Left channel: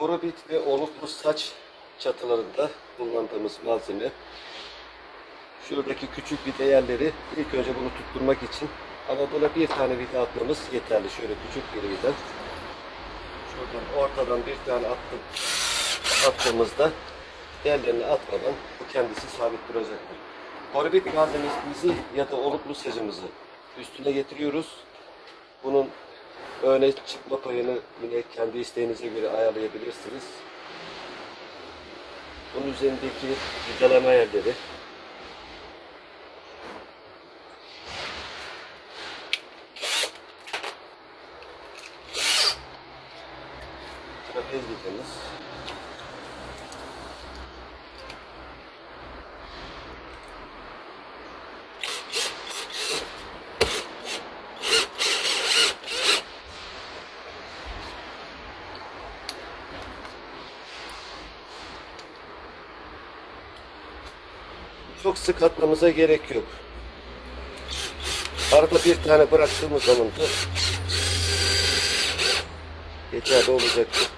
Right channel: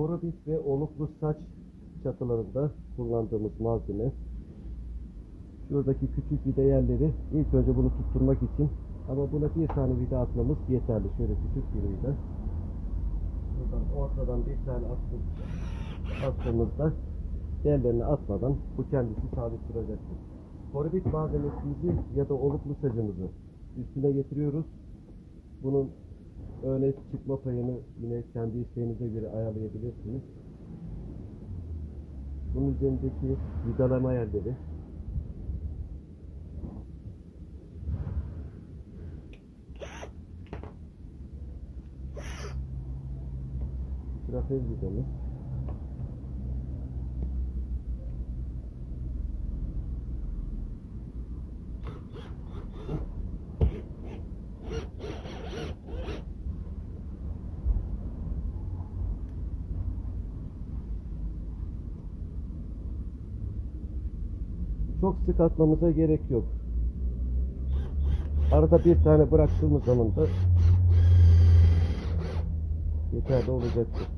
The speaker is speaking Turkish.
Korobit ve oluklu saç çatılarında kullandığımız malzeme. Şuradaki küçük vida ilk önce bunu tutturmak için ama buna bir tane vida atmamız yeterli. Şöyle küçük bir vida. Şuradan ortadan bir tane attım, attığımızda diğerlerini atmadan bu kendisi sabit duracaktır. Korobit malzememizi ya da oluklu sacımızı üstüne getiriyoruz. Bunun öne çıkma payını yine kendi isteğinize göre ayarlayabilirsiniz. Bunun üzerindeki vidalama yerleri trapez vidamız çok sık atmamıza gerek yok. Arada bir tane bıraktığımız zaman da yeterli olacaktır.